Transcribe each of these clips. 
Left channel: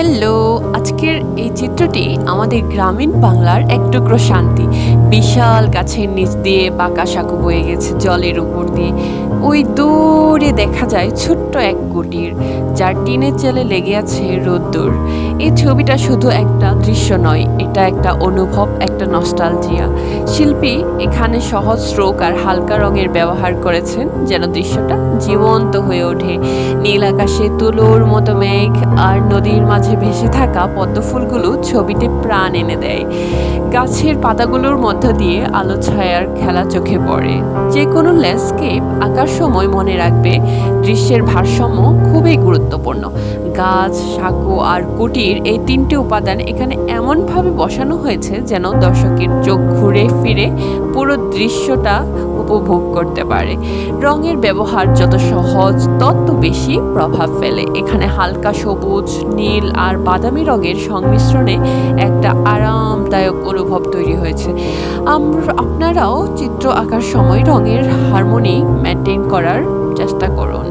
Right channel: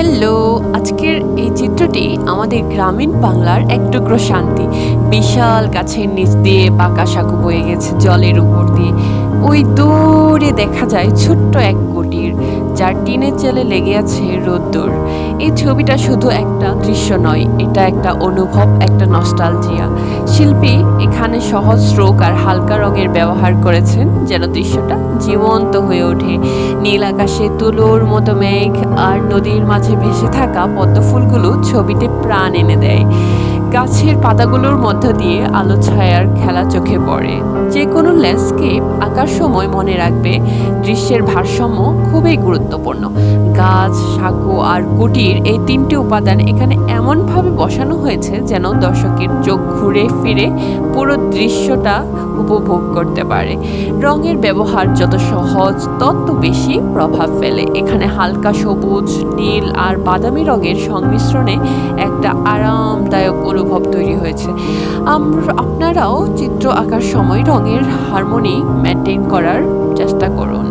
Hello, আজকের এই চিত্রটি আমাদের গ্রামীণ বাংলার এক টুকরো শান্তি। বিশাল গাছের নিচ দিয়ে বাঁকা সাঁকো বয়ে গেছে জলের উপর দিয়ে। ওই দূরে দেখা যায় ছোট্ট এক কুটির, যার টিনের চালে লেগে আছে রোদ্দুর। এই ছবিটা শুধু একটা দৃশ্য নয়, এটা একটা অনুভব, একটা নস্টালজিয়া। শিল্পী এখানে সহজ স্ট্রোক আর হালকা রঙের ব্যবহার করেছেন যেন দৃশ্যটা জীবন্ত হয়ে ওঠে। নীল আকাশে তুলোর মতো মেঘ আর নদীর মাঝে ভেসে থাকা পদ্মফুলগুলো ছবিতে প্রাণ এনে দেয়। গাছের পাতাগুলোর মধ্য দিয়ে আলো ছায়ার খেলা চোখে পড়ে। যে কোনো ল্যান্ডস্কেপ আঁকার সময় মনে রাখবে, দৃশ্যের ভারসাম্য খুবই গুরুত্বপূর্ণ। গাছ, সাঁকো আর কুটির, এই তিনটি উপাদান এখানে এমনভাবে বসানো হয়েছে যেন দর্শকের চোখ ঘুরে ফিরে পুরো দৃশ্যটা উপভোগ করতে পারে। রঙের ব্যবহার যত সহজ তত বেশি প্রভাব ফেলে। এখানে হালকা সবুজ, নীল আর বাদামি রঙের সংমিশ্রণে একটা আরামদায়ক অনুভব তৈরি হয়েছে। আপনারাও চিত্র আঁকার সময় রঙের হারমোনি মেনটেন করার চেষ্টা করুন।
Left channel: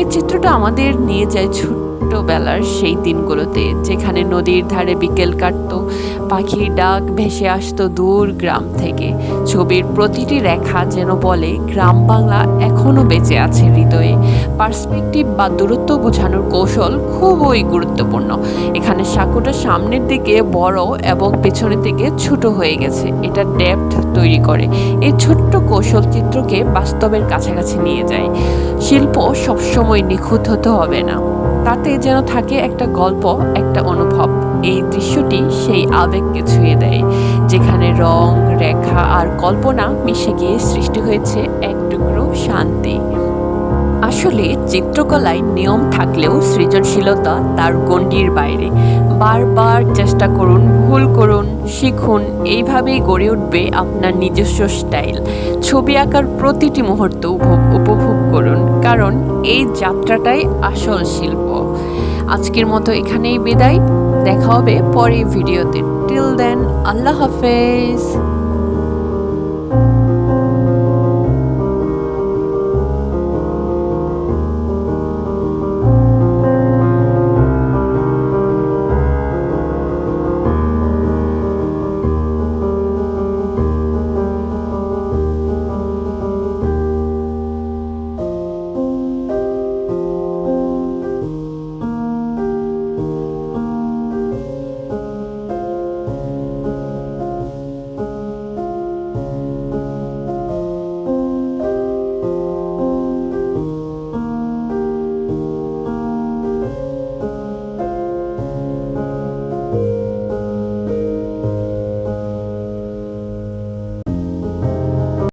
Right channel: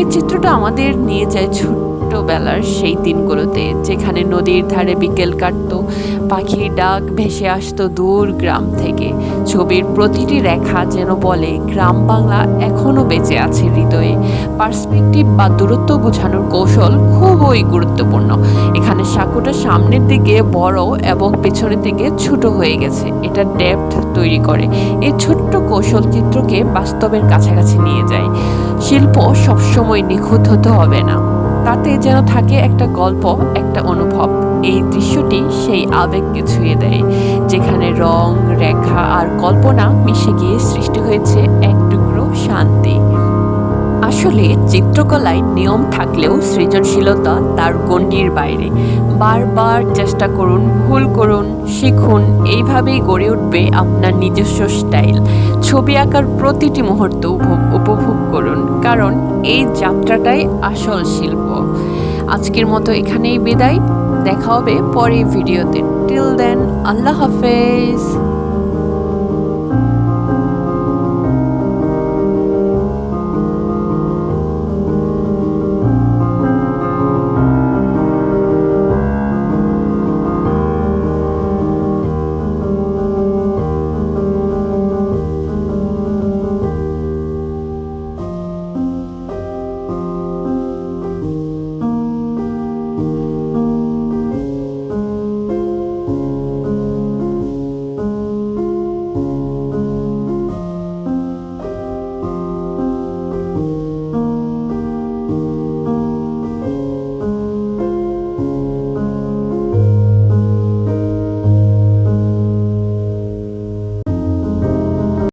এই চিত্রটা আমাদের নিয়ে যায় ছোট্টবেলার সেই দিনগুলোতে, যেখানে নদীর ধারে বিকেল কাটতো, পাখির ডাক ভেসে আসতো দূর গ্রাম থেকে। ছবির প্রতিটি রেখা যেন বলে গ্রাম বাংলা এখনো বেঁচে আছে হৃদয়ে। পার্সপেক্টিভ বা দূরত্ব বোঝানোর কৌশল খুবই গুরুত্বপূর্ণ। এখানে সাঁকোটা সামনের দিকে বড় এবং পেছনের দিকে ছোট হয়ে গেছে, এটা ডেপথ তৈরি করে। এই ছোট্ট কৌশল চিত্রকে বাস্তবের কাছাকাছি নিয়ে যায়। শিল্প সবসময় নিখুঁত হতে হবে না, তাতে যেন থাকে একটা গল্প, একটা অনুভব। এই দৃশ্যটি সেই আবেগকে ছুঁয়ে দেয়, যেখানে রং, রেখা আর কল্পনা মিশে গিয়ে সৃষ্টি হয়েছে এক টুকরো শান্তি। আসলে চিত্রকলায় নিয়ম থাকলেও সৃজনশীলতা তার গণ্ডির বাইরে। বারবার চেষ্টা করুন, ভুল করুন, শিখুন, এইভাবেই গড়ে উঠবে আপনার নিজস্ব স্টাইল। ছবি আঁকার প্রতিটি মুহূর্ত উপভোগ করুন, কারণ এই যাত্রাটাই আসল শিল্প। আজকের মতো এখানেই বিদায়, দেখা হবে পরের ভিডিওতে। টিল দেন, আল্লাহ হাফেজ।